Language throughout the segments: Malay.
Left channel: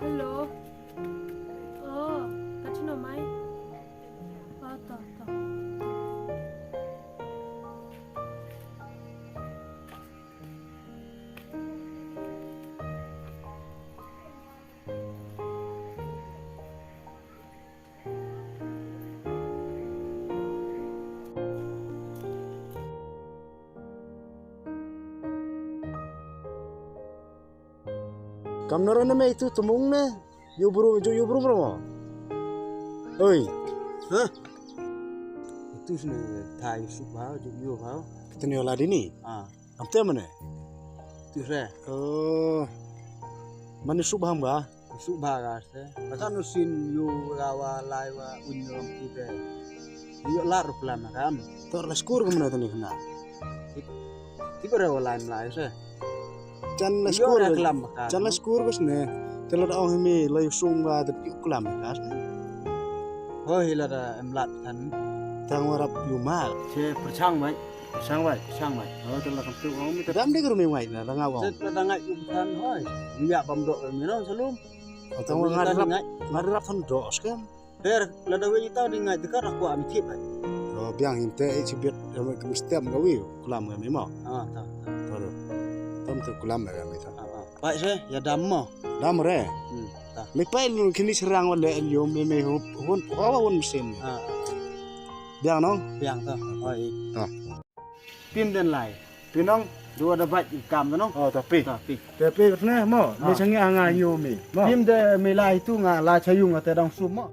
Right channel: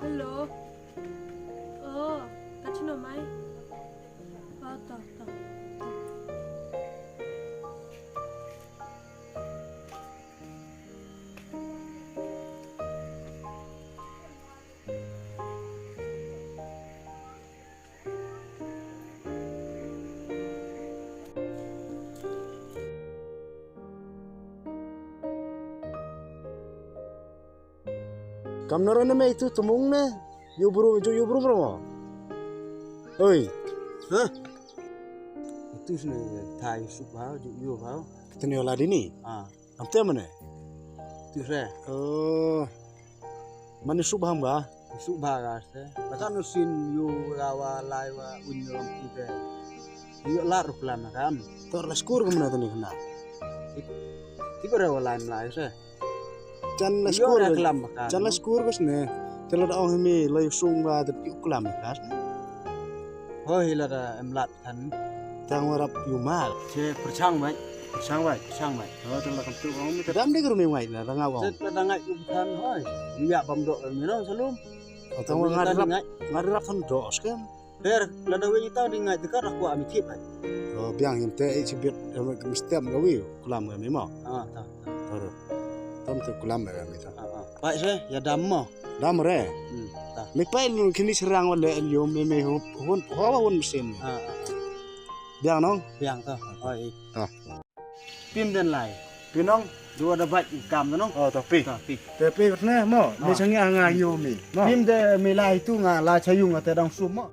Hello. Oh, kacau nama? Oh, tak. Kamera na may itu tumung na. Yubro mo. Oi. Hah? Itu sini thai subha yo bhao. Kitne wala dini? Amte mane? Itu saya. Oh. Mane subha ba? Subha ga se. Bakan usin yo gawa laiwa unyolam pute. Yo lar plan kam. Tor la skur kumna tani khna. Ibare wala mlai se. Chan la skur bas ne tela da ong mi lai sung ba da yu klam kas ho hila da emlat kan tang warap yu mal che perchang mai ho tela kam tu ong mi tadam de gru mi ngai na nga wong se da ngai yu kan hoi ya bam do mi no salum tang ngarap thon do skem per la da wi ta di ngai de ka rakwa mi thip ai biang him te chi bit mi stem ga wi klam ga mi mo ta Tom tu kulam ya mita. Baik se, ya dam mo. Dam re. Mi pai lu kini serang wale elio me hun hawa hun mesin. Biang nong? Biang to. Oi. To. Pim den lai. Pinong dua ada baik ikam to nong? Oh, tapi. Tapi katne mo, me sangi anga yo mi. Pim de me lai tu nga la chayung ate dang sum mo.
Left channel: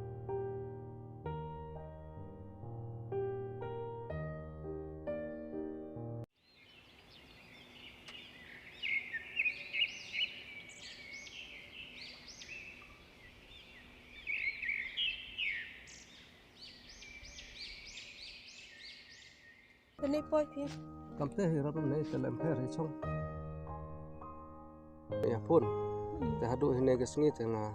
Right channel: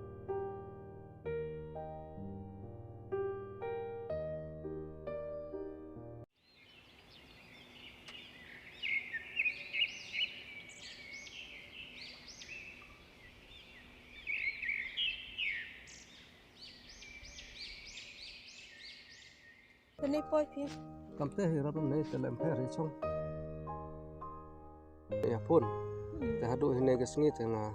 Ini poi pi. Kamte hirap nei telem pher chong. Ya pun. Te hadu hine ke sngi te nga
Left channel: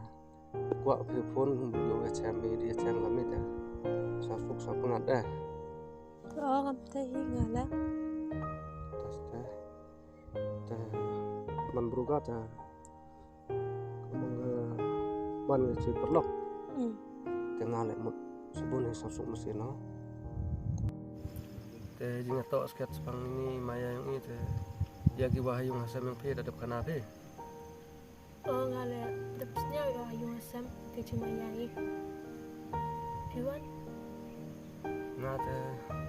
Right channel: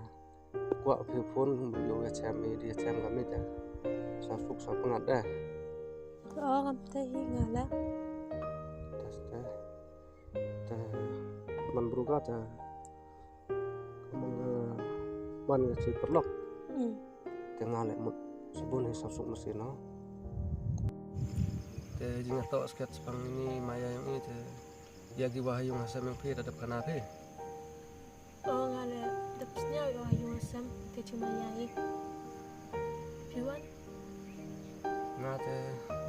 kwa phi phone lu ya chem di chem ga mi te. Sa suk sa pungat da. Oh, kamte hi ngala. Tas te man bruga te kumang ban ga chi perlok. Te ngale mut sebun hi sa suk mesin no. Te jinga to sket spang ini maya yang ini te yagi wahayung hasam yang phe dadap kana phe Oh ngale dapsnya wahayung hasam te cuma yai hewan na te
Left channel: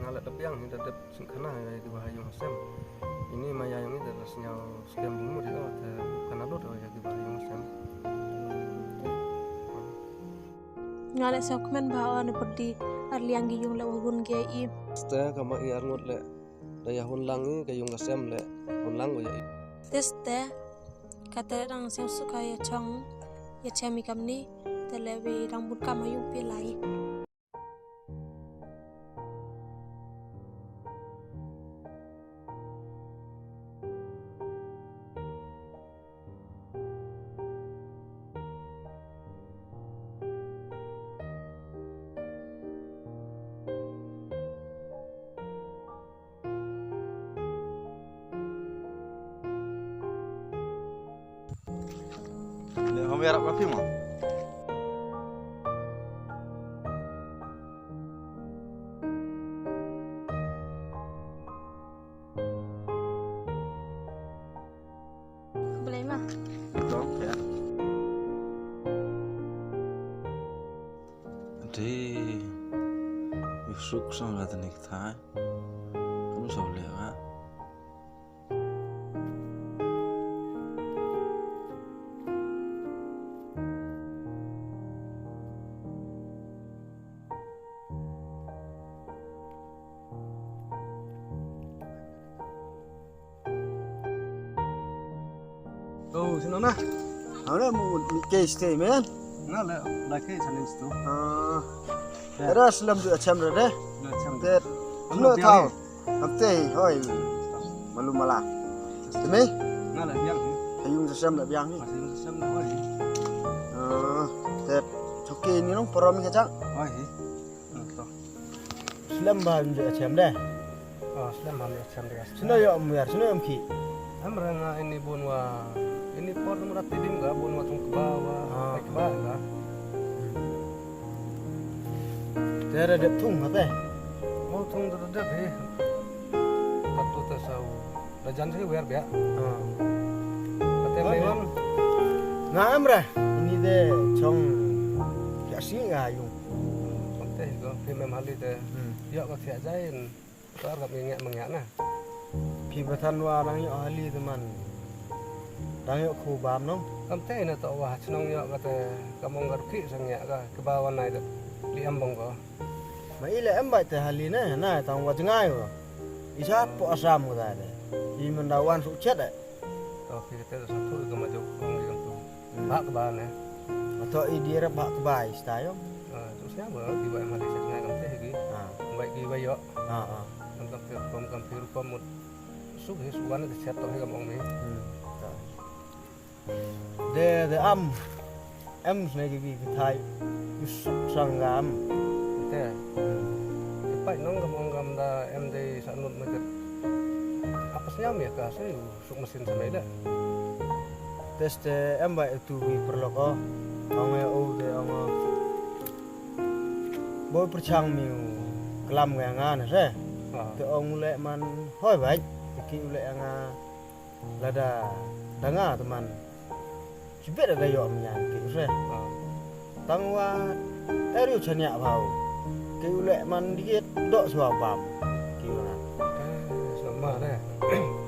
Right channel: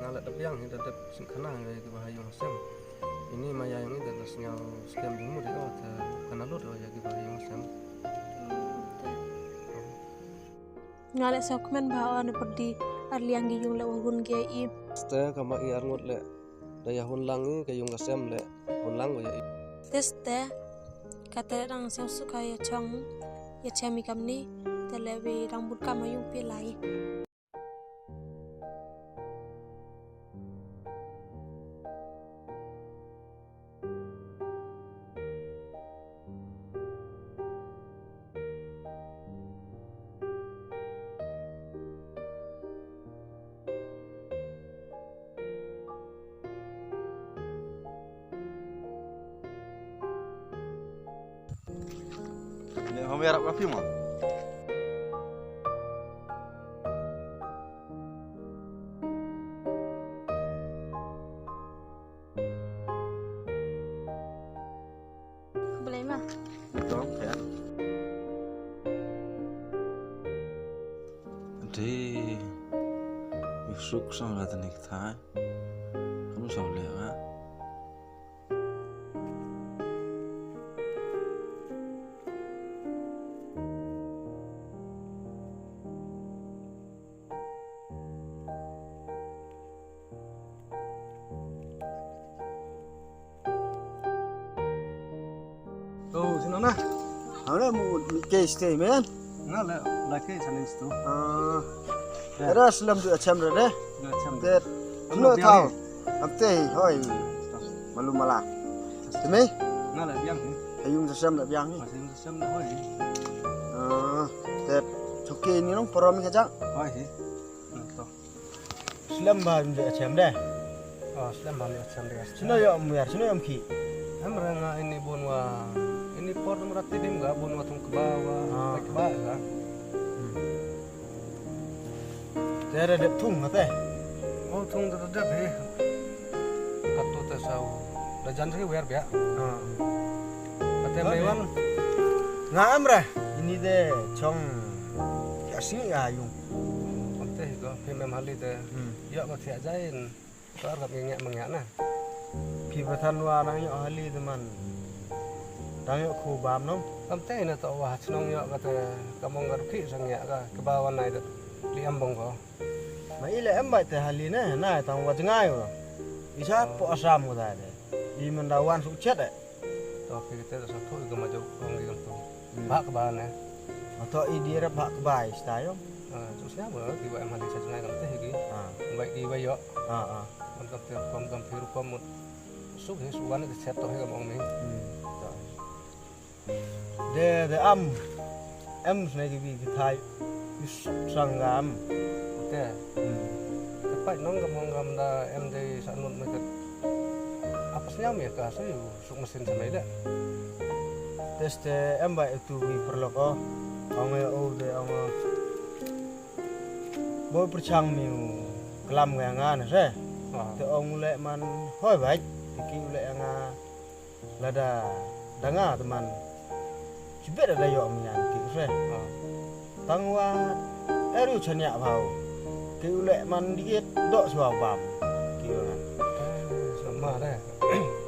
ngale dap yang ni dadap sing kana yagi wahayung hasam ini maya yang ini dadas nyal skem bumu di te kana lo do yagi wahayung hasam ngale sakmen ba on perdi arliang gi yung lawun ge I ste kama I arngot le daya hun langi kayung kasem le hun lang ya teste kata rang sem suka ya chong ya chemi kamni telewi rang but kam hayung pi lai Kamu harap kafe mau? boleh mah Betul ya. Jadi Yusuk sang kata nikah, kamu soleh kan? oh sino na Ahora mu ke stay man. ngale laki sanin stu Era selam tu acham re. le cham Ter. Amno thao. Amte hoi. Malu mala. Teme? ngale biang ni Hayung sasam la biang ni. masih sem na hoi Ter. Choke ni nong porom ka jang. hoi to Selam ba mu acham de. oh slam ham cham de Sino yo mu yar sino yo ki. Mereka ini bunwa ini por merati dim ga bunwa tung ke bawah naik ke bawah. Tera dep tung teh. Oh tung tetap he. Katu tesau. Dajan sih biar biar. Katanya mewan. Ngam ra. Ini deh chong ya sing ayung. Teh go phim em hali teh. Ya có thiệt jain. Có gặp ngẹ nah. Phi Pathan wa nang yo hali teman. Dang yo khu bam nong. Kam teh na to wa chnong yo kata kamong gar ki sang ya ka ke bawah nai de. Li am bong go. Ma ile em bai te hali ne na tang wa jangai go. Isa po asam go da de. I mendawan su chet de. To phi te sa thu go ma jo kong gi kam tu. Ba ke ba ne. Atau i dia ba ke bai stayo. Terusnya bo di ba em hali sa ngai kam teh gi. Bai gi ba yo. Man kam te kam phi ru kam suk he suwan de chet to he kamong mi. De am em này cái gì cái thai sang gam Teh. Tepat nong kamong kam da em de sa nut me apasnya mi ka so suk mesin samai da. tes de em bai tu vi perlu ko ông o de ông boy perchang miu kelam ngan se te ông le man hoi bai ki le nga lada danga teman sibet ada yo menyan ki se tangwa eru chanya bau ki le man diet dok suwa bam ki na Sama deh.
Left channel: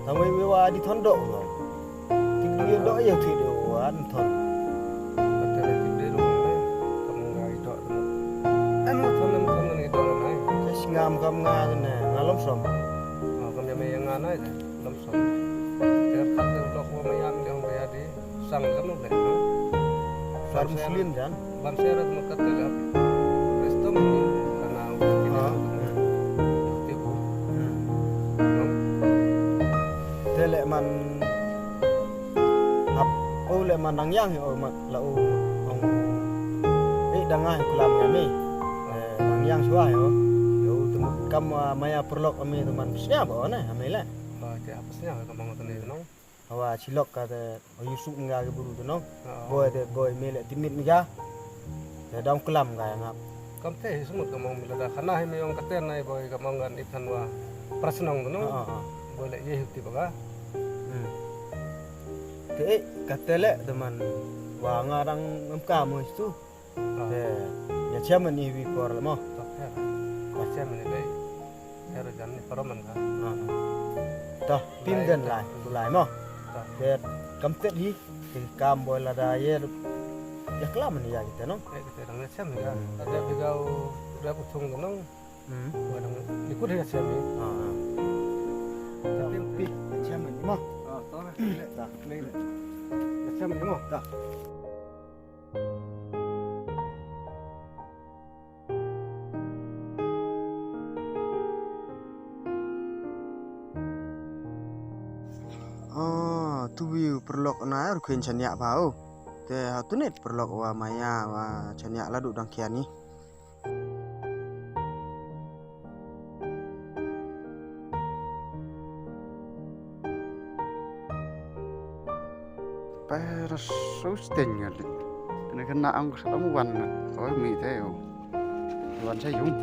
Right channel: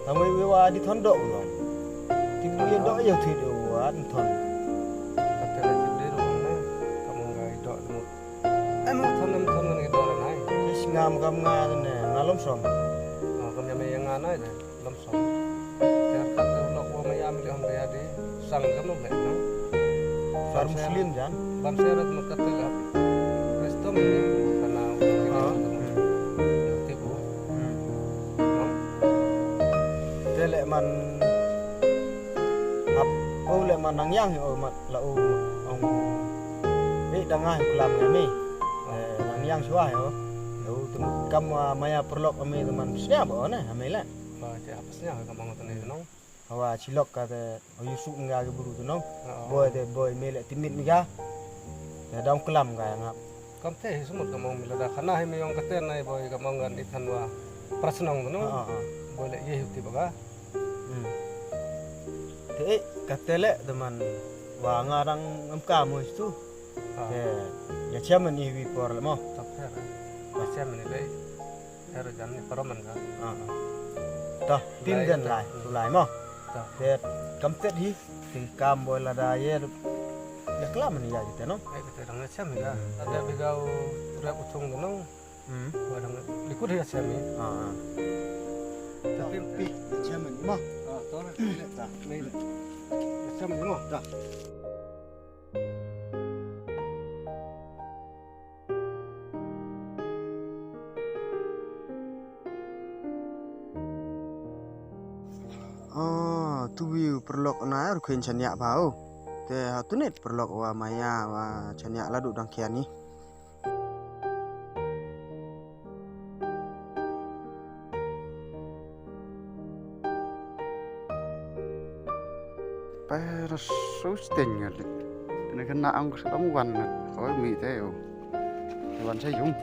tangwe we wa di thon dok lo ki diet dok yo thi do an thon Kata lagi dia rumah ni, kamu gak itu temu. Anu thon ni itu orang lain. tes ngam kam nga ne ngalom som Oh, kamu yang yang mana itu? Lamsom. Jangan kata ulok wa maya milih orang bayar di sang kamu leh, no. far muslim jan Bam saya ada kata leh. Resto ini karena ini temu. Tipu. No. te le man hap o le man nang yang o mat la o ong dangai kelam ngami nang yang suah yo yo temut kam maya perlok ami teman sia bo na amela Oh, dia apasnya kamu ngotot ni, no. hawa cilok kata o yusuk nga ge buru tu no boy mele timit miga te dong kelam ga ngap Kamu teh semut kamu milih dah. Karena ini yang kata nai boy kamu ngan itan wa prasnong tu, no. Boleh ye huti baga. te katele teman wa ngarang ngam mo itu te ya chaman ni wi por mo Tak her. Macam ni leh. Her jangan ni paroman ka. toh pindan lai tu lai mo Tak. te kam tet hi te kam boy la da ye ya kelam ni ya gitu no Kita orang macam ni ka. Ada begau rap utung tu, no. Orang likut dia macam ni. Tapi pi chaman ni mo tahu lah. Tak. Ni macam ni mo. Tak. tu wi perlok na ru khen chanya bau te ha tu net perlok wa maya wa chanya la du dang khian ni Pero sustain ngali. Ini kena angkus kamu wan, oh mi teo, wan saya jung.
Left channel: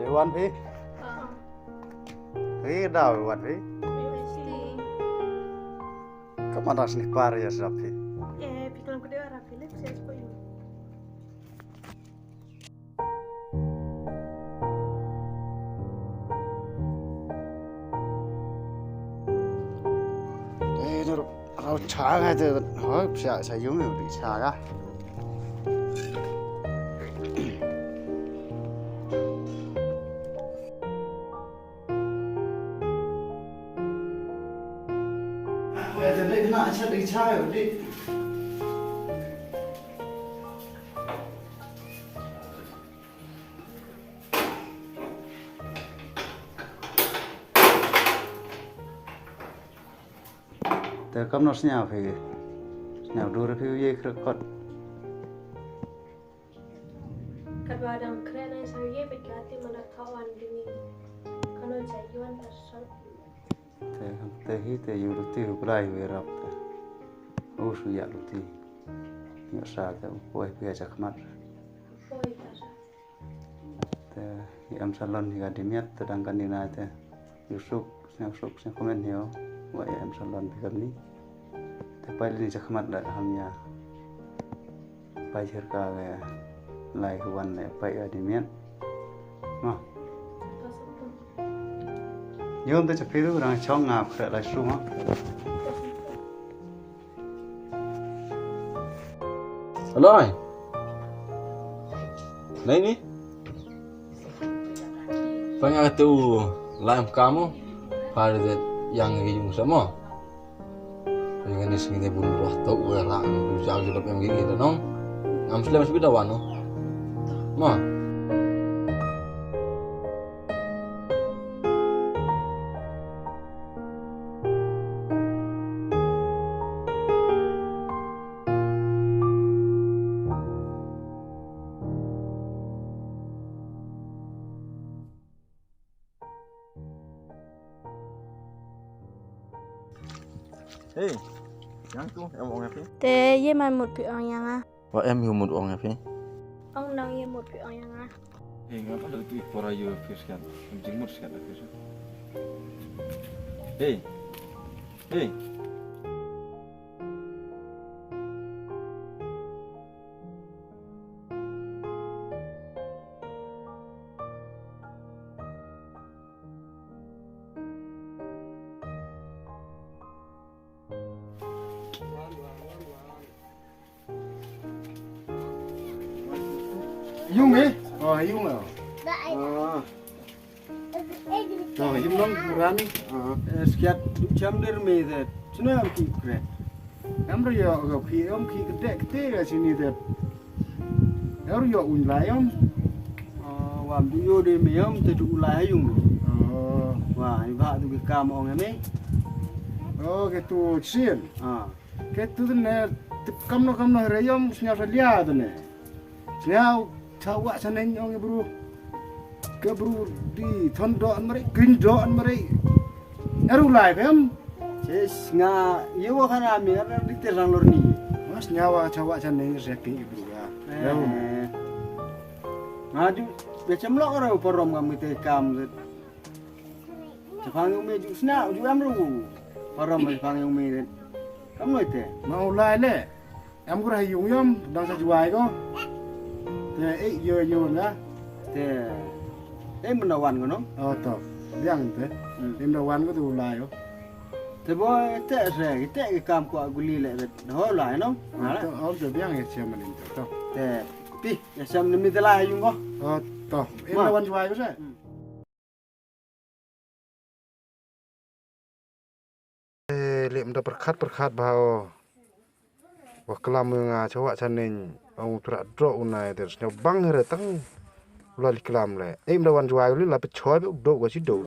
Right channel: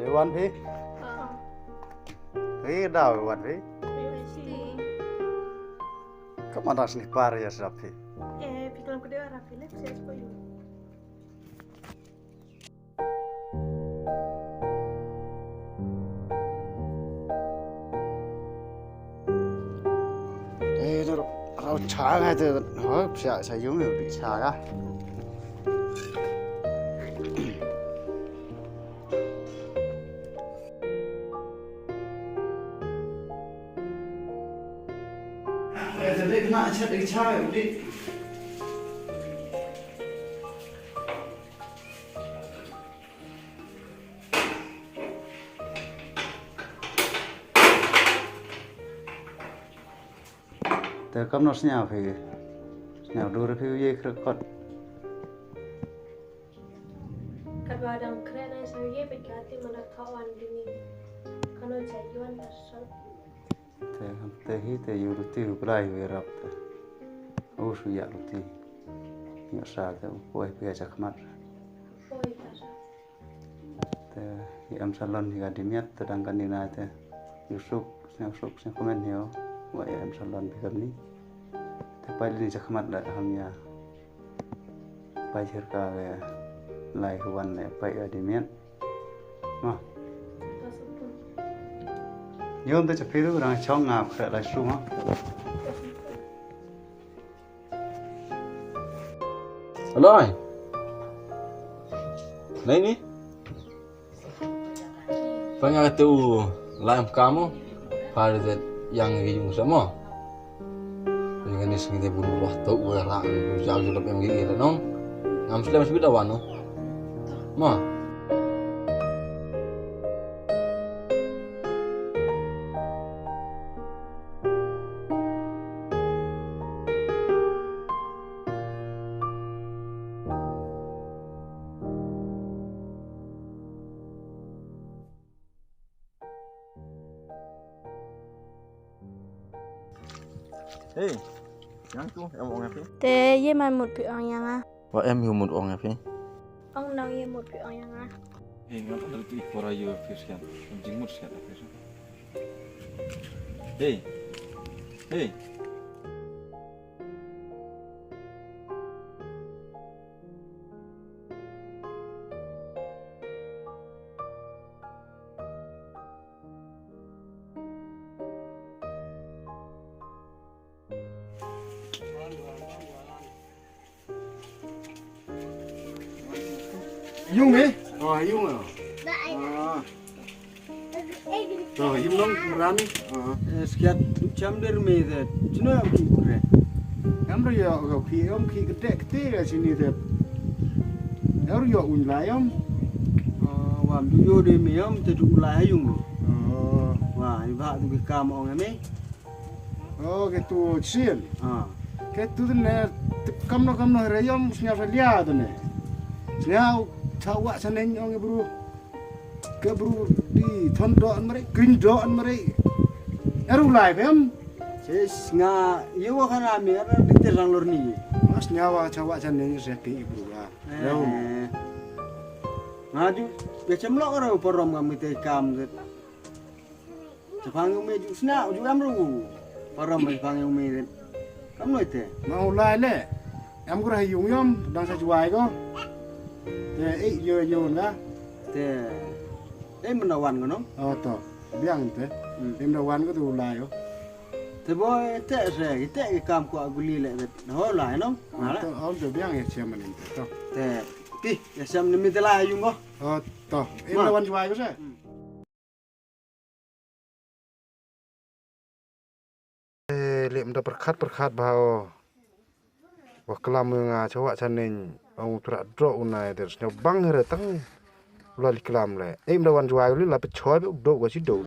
để wan phi thế đào wan phi kamu ada sini par ya sapi Pikirkan dia rapi lek saya sekolah. nó rau chả ngay từ hỏi sợ sẽ giống như bị xà ra. Để lấy cái nạ chết đi chả đi. Thế cấm nó nhào phải nhào đua ra phiêu dây khơi cọt. Kadang keren ay saya berkati malakawan dini. Kalau jayuan tersebut. Thế hi thế yêu được tiêu cái về rập thế. Ô suy ya được tiêu. Nhớ sao thế quay về chắc mắt. Oi tara. Thế em salon thì gadi miat sedang kan dina thế. Yusuf saya komen hiyo. Wa em salon thì kami. Thế pai ni chắc mắt lại hamnya. Pai cerka về lại huan lại pai gadi miat. Mà Pasapun. nhôm tới chụp phim rồi cho ngạp khởi lại xuống á. Aloy. Lain ni. Banyak tu lain kamu pada yang hijau sama. Yang ni sini dia bunuh lah tahu lah jauh jauh yang gigi dah nong. Am Islam masih beda wano. Ma. Hey, yang tu em uang apa? Te ye mai một bị ong yang à? Wah em hiu mut uang apa? Ông nào ye một bị ong yang à? Hey, ngapa ada tu pora yo fiskian? Jengmut sekian fisk. Hey. Hey. Yung eh? Oh, yung ah. Oh, yung nong kurani. Sekiat jam derme deh. Cina ki kure. Kamro ya kau ki gede ke sini deh. Yaru ya unlai om. Wam yo de me om te du lai yung. Oh, Wah, iba tu ke kam ong me. oh gitu sih. Gitu tu ne. Kamno rayom senyap salia tu ne. Senyap cawa saneng ong buru. Ke buru di thondon mereka, gindon mereka. Yaru lai pem. Ses nga yo kan ame ara dikte rang lor ni. Mas nyawa cawa saneng seki buru ah. Yaru. Ngaju becam lo ora porom kami te kam. Jepang yung me ju sna ju amru. Porom jepang yung me. Kamu itu? Mau lai le. Em có hay dùng yom đang sa juai ko. Te yo nga. Te menawan kono. Oh to. Biang te. Em dawan ko tu lai yo. Te boy te se te ke kam ko aguli le ho lai no. To om to biang ya chairman te to. Te pi ya sam ni mi te lai yung ko. Oh to. Em dawan juai ko sa. Lem da perkat bahwa kelam nga cawak caning ang tra dro unai ter bang re tang lali kelam le em dawan juai li la pe choi be do go si do